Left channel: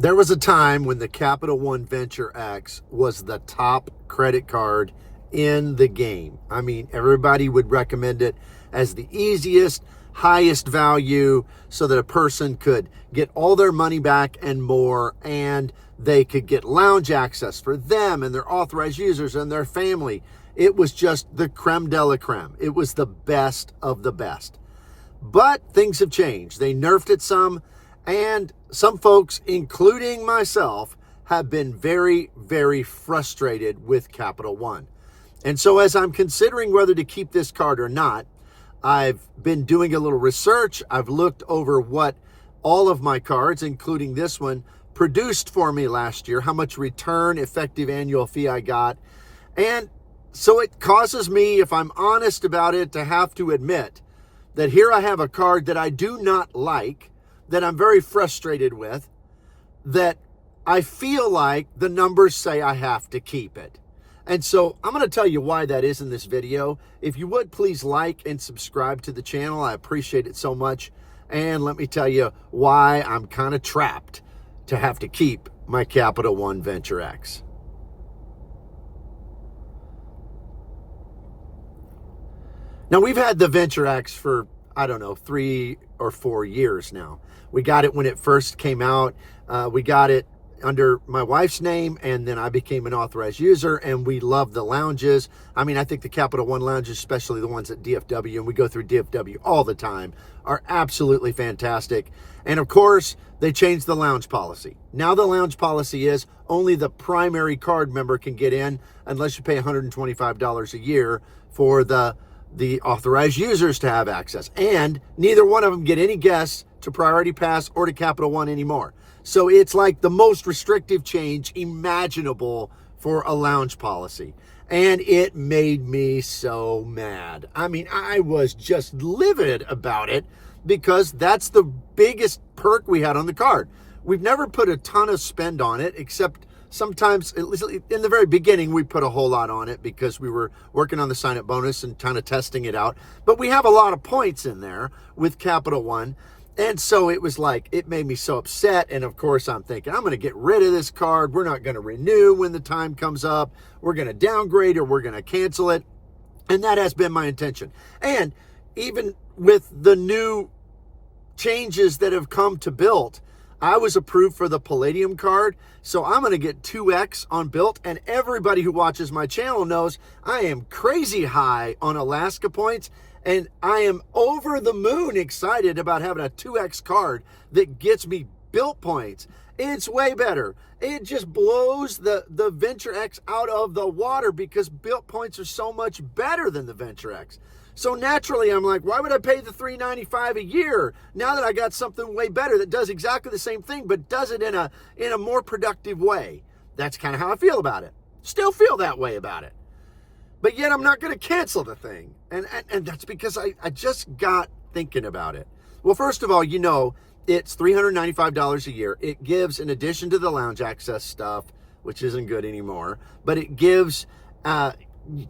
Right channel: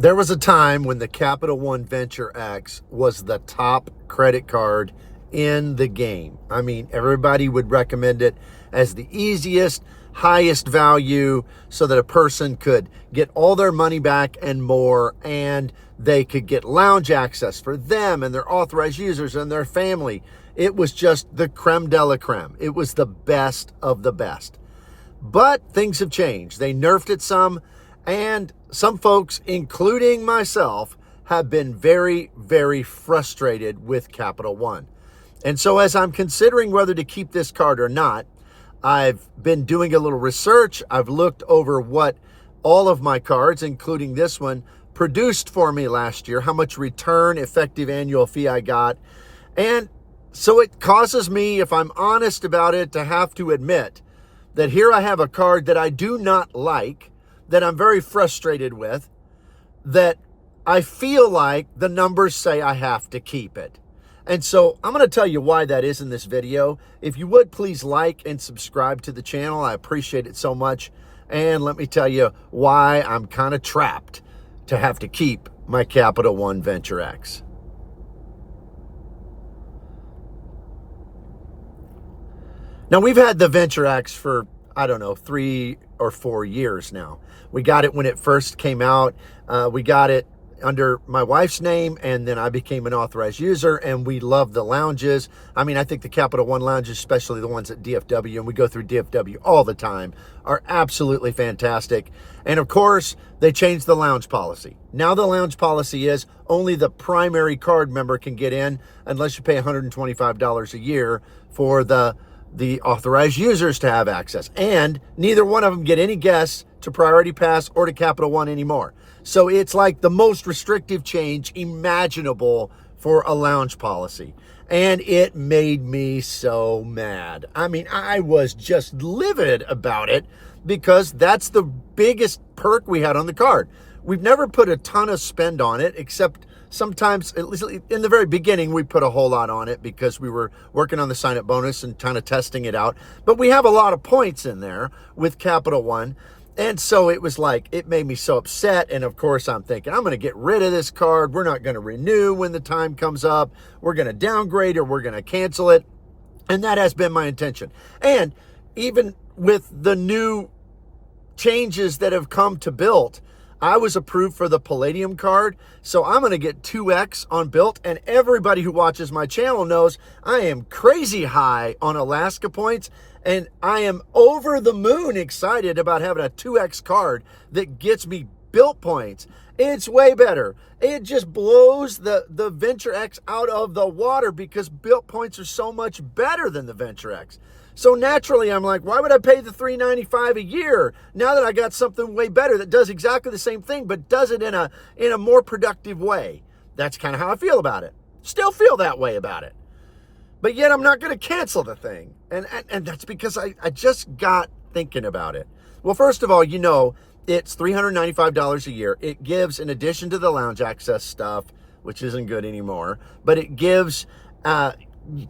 There was a time when the Capital One Venture X was the top credit card in the game. I mean, everybody would recommend it as the easiest, highest value so that a person could get all their money back and more, and they could get lounge access for them and their authorized users and their family. It was just the creme de la creme. It was the best of the best. But things have changed. They nerfed it some, and some folks, including myself, have been very, very frustrated with Capital One. And so as I'm considering whether to keep this card or not, I've been doing a little research. I've looked over what all of my cards, including this one, produced for me last year, how much return effective annual fee I got. And so it causes me, if I'm honest about it, to have to admit that here I have a card that I do not like, that I'm very frustrated with, that I feel like the numbers say I have to keep it. And so I'm going to tell you why that is in this video. If you would, please like and subscribe to the channel. I appreciate it so much. And let me tell you why I'm kind of trapped to have to keep my Capital One Venture X. Now, we've had the Venture X for, I don't know, 3 or 4 years now. We got it when it first came out. We got it under my wife's name, and then I became an authorized user, and we love the lounges. I mean, I think the Capital One lounges, especially the ones at DFW, and we go through DFW all the time, are absolutely fantastic. And of course, they changed the lounge policy. Now the lounge policy is only the primary card member can get in unless you pay $125 a year for the authorized users to have access. And neither one of them get any guests to Priority Pass or to Capital One anymore. So it's like the most restrictive change imaginable for a lounge policy. And it made me so mad. I mean, I was just livid about it because that's the biggest perk we had on the card. We've never put a ton of spend on it, except sometimes, at least in the very beginning, we put a whole lot on it because we were working on the sign-up bonus and kind of testing it out. But we have a lot of points in there with Capital One. And so it was like, it made me so upset. And of course, I'm thinking, I'm going to get rid of this card. We're not going to renew when the time comes up. We're going to downgrade or we're going to cancel it. And that has been my intention. And even with the new changes that have come to Built, I was approved for the Palladium card, so I'm going to get 2X on Built, and everybody who watches my channel knows I am crazy high on Alaska points, and I am over the moon excited about having a 2X card that gets me Built points. It's way better. It just blows the Venture X out of the water because Built points are so much better than the Venture X. So naturally, I'm like, why would I pay the $395 a year now that I got something way better that does exactly the same thing, but does it in a more productive way? That's kind of how I feel about it. Still feel that way about it. But yet I'm not going to cancel the thing. And that's because I just got thinking about it. Well, first of all, you know, it's $395 a year. It gives, in addition to the lounge access stuff, which isn't good anymore, but it gives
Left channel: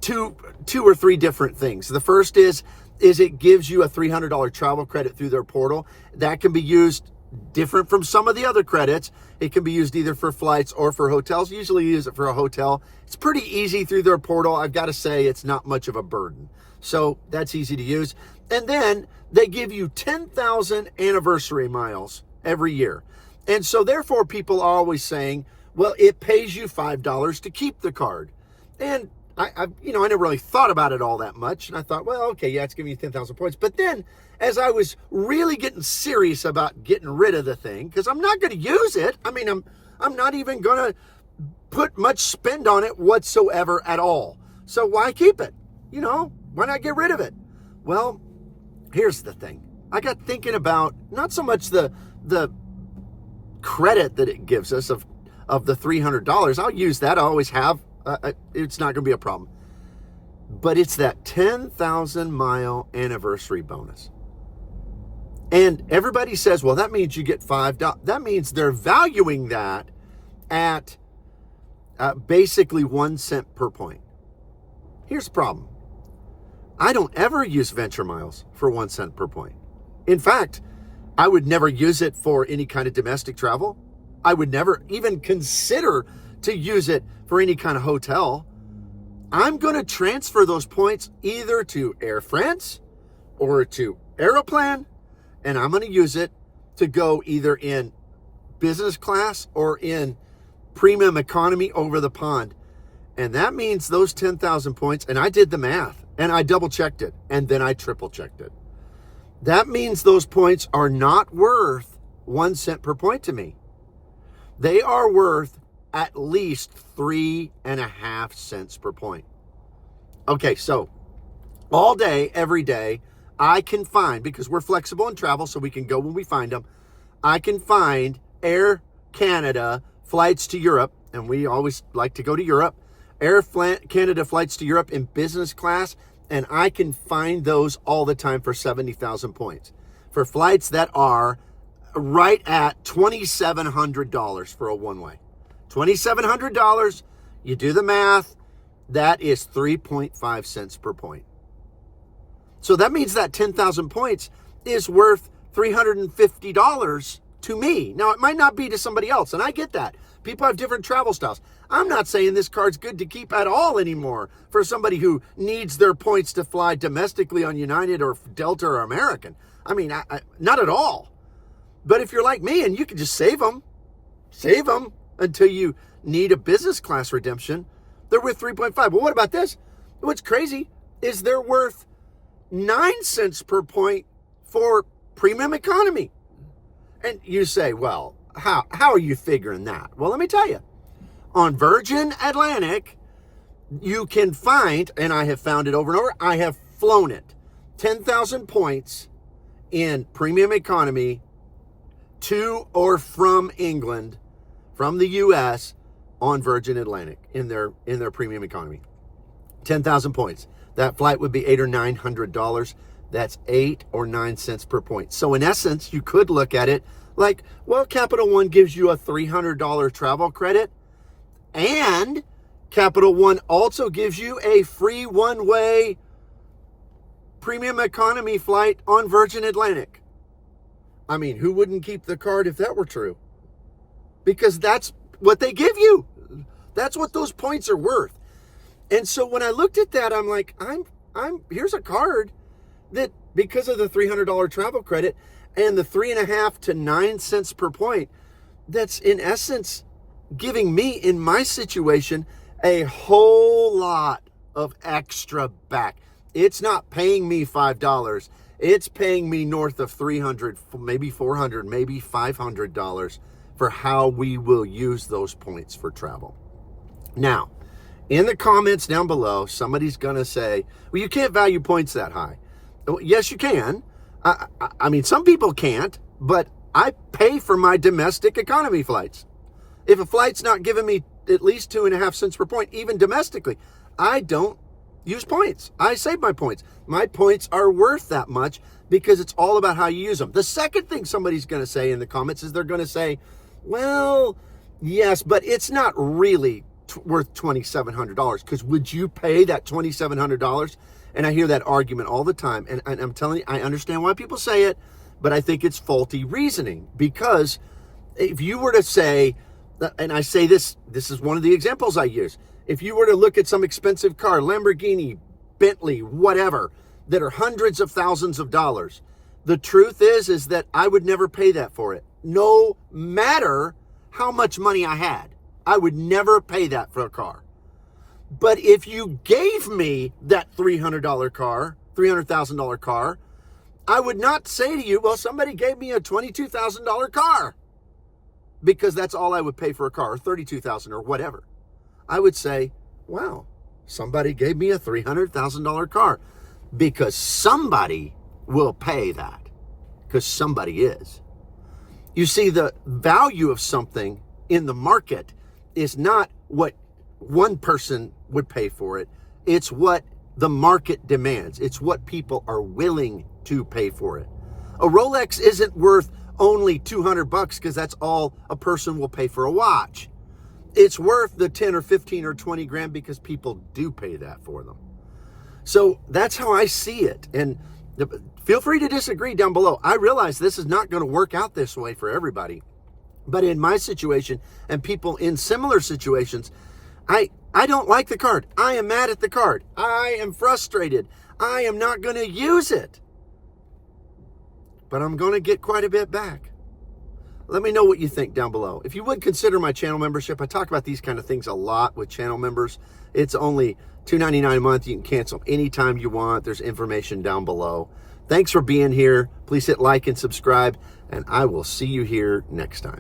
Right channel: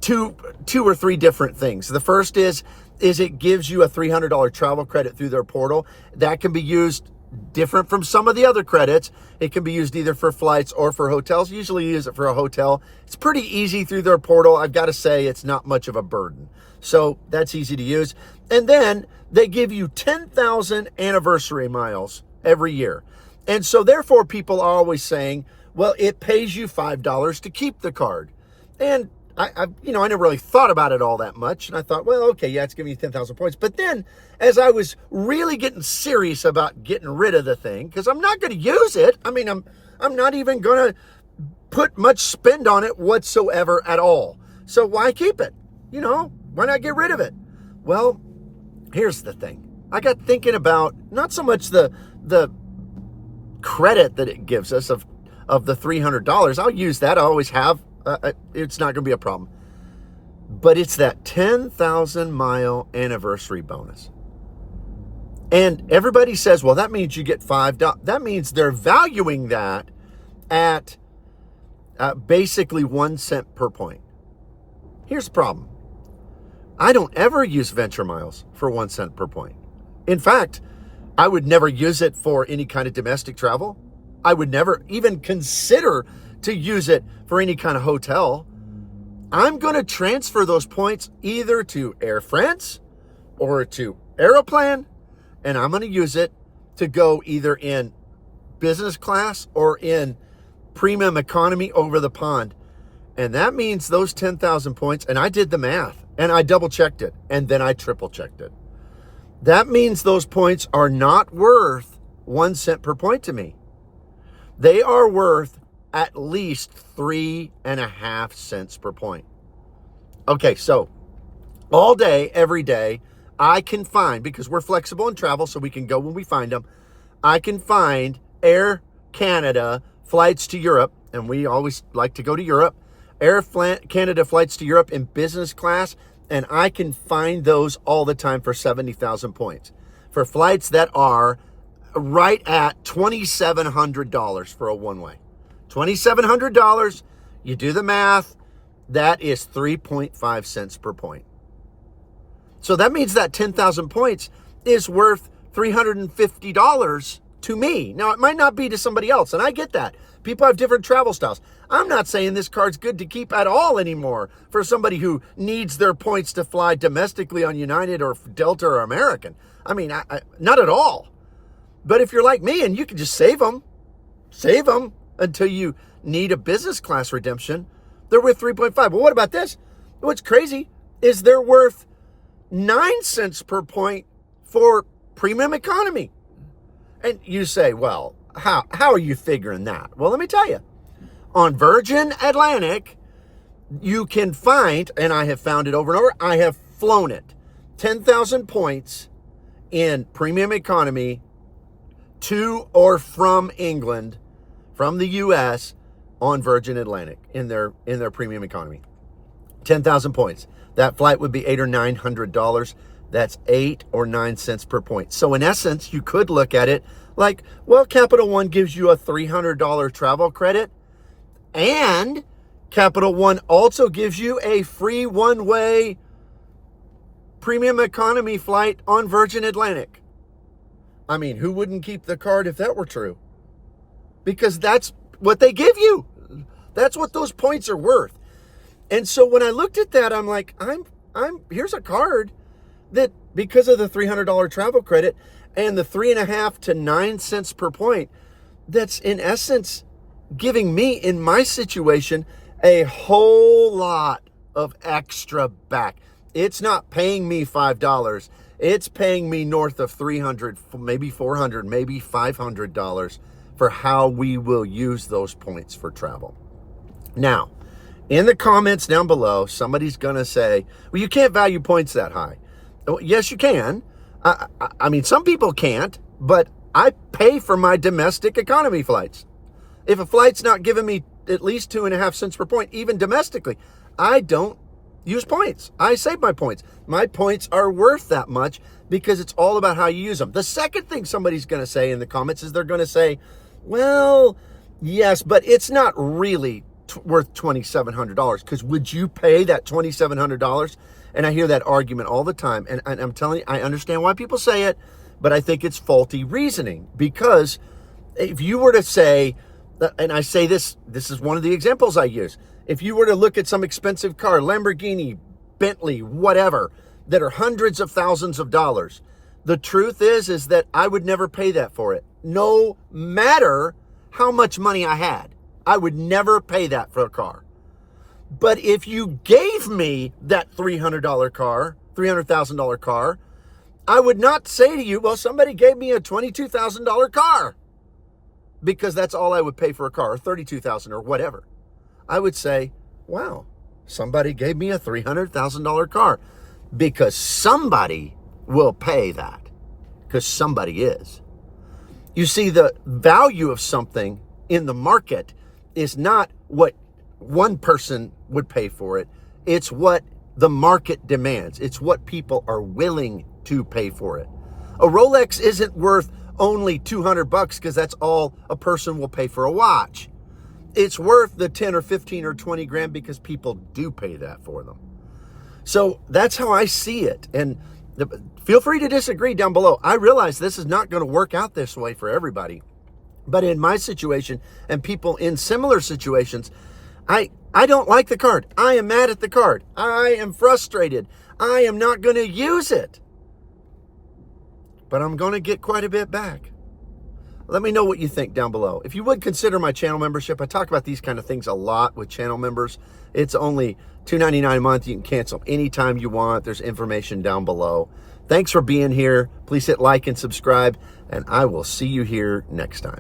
two or three different things. The first is it gives you a $300 travel credit through their portal. That can be used different from some of the other credits. It can be used either for flights or for hotels. Usually use it for a hotel. It's pretty easy through their portal. I've got to say it's not much of a burden. So that's easy to use. And then they give you 10,000 anniversary miles every year. And so therefore people are always saying, well, it pays you $5 to keep the card. And I never really thought about it all that much. And I thought, well, okay, yeah, it's giving you 10,000 points. But then as I was really getting serious about getting rid of the thing, because I'm not going to use it. I mean, I'm not even going to put much spend on it whatsoever at all. So why keep it? You know, why not get rid of it? Well, here's the thing. I got thinking about not so much the credit that it gives us of the $300. I'll use that. I always have. It's not going to be a problem. But it's that 10,000 mile anniversary bonus. And everybody says, well, that means you get $5. That means they're valuing that at basically 1 cent per point. Here's the problem. I don't ever use Venture Miles for 1 cent per point. In fact, I would never use it for any kind of domestic travel. I would never even consider to use it for any kind of hotel. I'm going to transfer those points either to Air France or to Aeroplan, and I'm going to use it to go either in business class or in premium economy over the pond. And that means those 10,000 points, and I did the math, and I double checked it, and then I triple checked it. That means those points are not worth 1 cent per point to me. They are worth at least 3.5 cents per point. Okay, so all day, every day, I can find, because we're flexible in travel, so we can go when we find them, I can find Air Canada flights to Europe, and we always like to go to Europe, Air Canada flights to Europe in business class, and I can find those all the time for 70,000 points. For flights that are right at $2,700 for a one-way. $2,700, you do the math, that is 3.5 cents per point. So that means that 10,000 points is worth $350 to me. Now, it might not be to somebody else, and I get that. People have different travel styles. I'm not saying this card's good to keep at all anymore for somebody who needs their points to fly domestically on United or Delta or American. I mean, not at all. But if you're like me and you can just save them until you need a business class redemption, they're worth 3.5. Well, what about this? What's crazy is they're worth 9 cents per point for premium economy. And you say, well, how are you figuring that? Well, let me tell you. On Virgin Atlantic, you can find, and I have found it over and over, I have flown it, 10,000 points in premium economy to or from England, from the U.S., on Virgin Atlantic in their premium economy. 10,000 points. That flight would be $800 or $900. That's 8 or 9 cents per point. So in essence, you could look at it like, well, Capital One gives you a $300 travel credit, and Capital One also gives you a free one-way premium economy flight on Virgin Atlantic. I mean, who wouldn't keep the card if that were true? Because that's what they give you. That's what those points are worth. And so when I looked at that, I'm like, here's a card that, because of the $300 travel credit and the 3.5 to 9 cents per point, that's in essence giving me, in my situation, a whole lot of extra back. It's not paying me $5. It's paying me north of $300, maybe $400, maybe $500 for how we will use those points for travel. Now, in the comments down below, somebody's going to say, well, you can't value points that high. Yes, you can. I mean, some people can't, but I pay for my domestic economy flights. If a flight's not giving me at least 2.5 cents per point, even domestically, I don't use points. I save my points. My points are worth that much because it's all about how you use them. The second thing somebody's going to say in the comments is they're going to say, well, yes, but it's not really worth $2,700, because would you pay that $2,700? And I hear that argument all the time. And I'm telling you, I understand why people say it, but I think it's faulty reasoning. Because if you were to say, and I say this is one of the examples I use. If you were to look at some expensive car, Lamborghini, Bentley, whatever, that are hundreds of thousands of dollars, the truth is that I would never pay that for it. No matter how much money I had, I would never pay that for a car. But if you gave me that $300,000 car, I would not say to you, well, somebody gave me a $22,000 car, because that's all I would pay for a car, or $32,000 or whatever. I would say, wow, somebody gave me a $300,000 car, because somebody will pay that, because somebody is. You see, the value of something in the market is not what one person would pay for it. It's what the market demands. It's what people are willing to pay for it. A Rolex isn't worth only $200 because that's all a person will pay for a watch. It's worth the 10 or 15 or 20 grand because people do pay that for them. So that's how I see it. And feel free to disagree down below. I realize this is not going to work out this way for everybody, But in my situation and people in similar situations, I don't like the card. I am mad at the card. I am frustrated. I am not going to use it. But I'm going to get quite a bit back. Let me know what you think down below. If you would consider my channel membership, I talk about these kind of things a lot with channel members. It's only $2.99 a month. You can cancel anytime you want. There's information down below. Thanks for being here. Please hit like and subscribe, and I will see you here next time.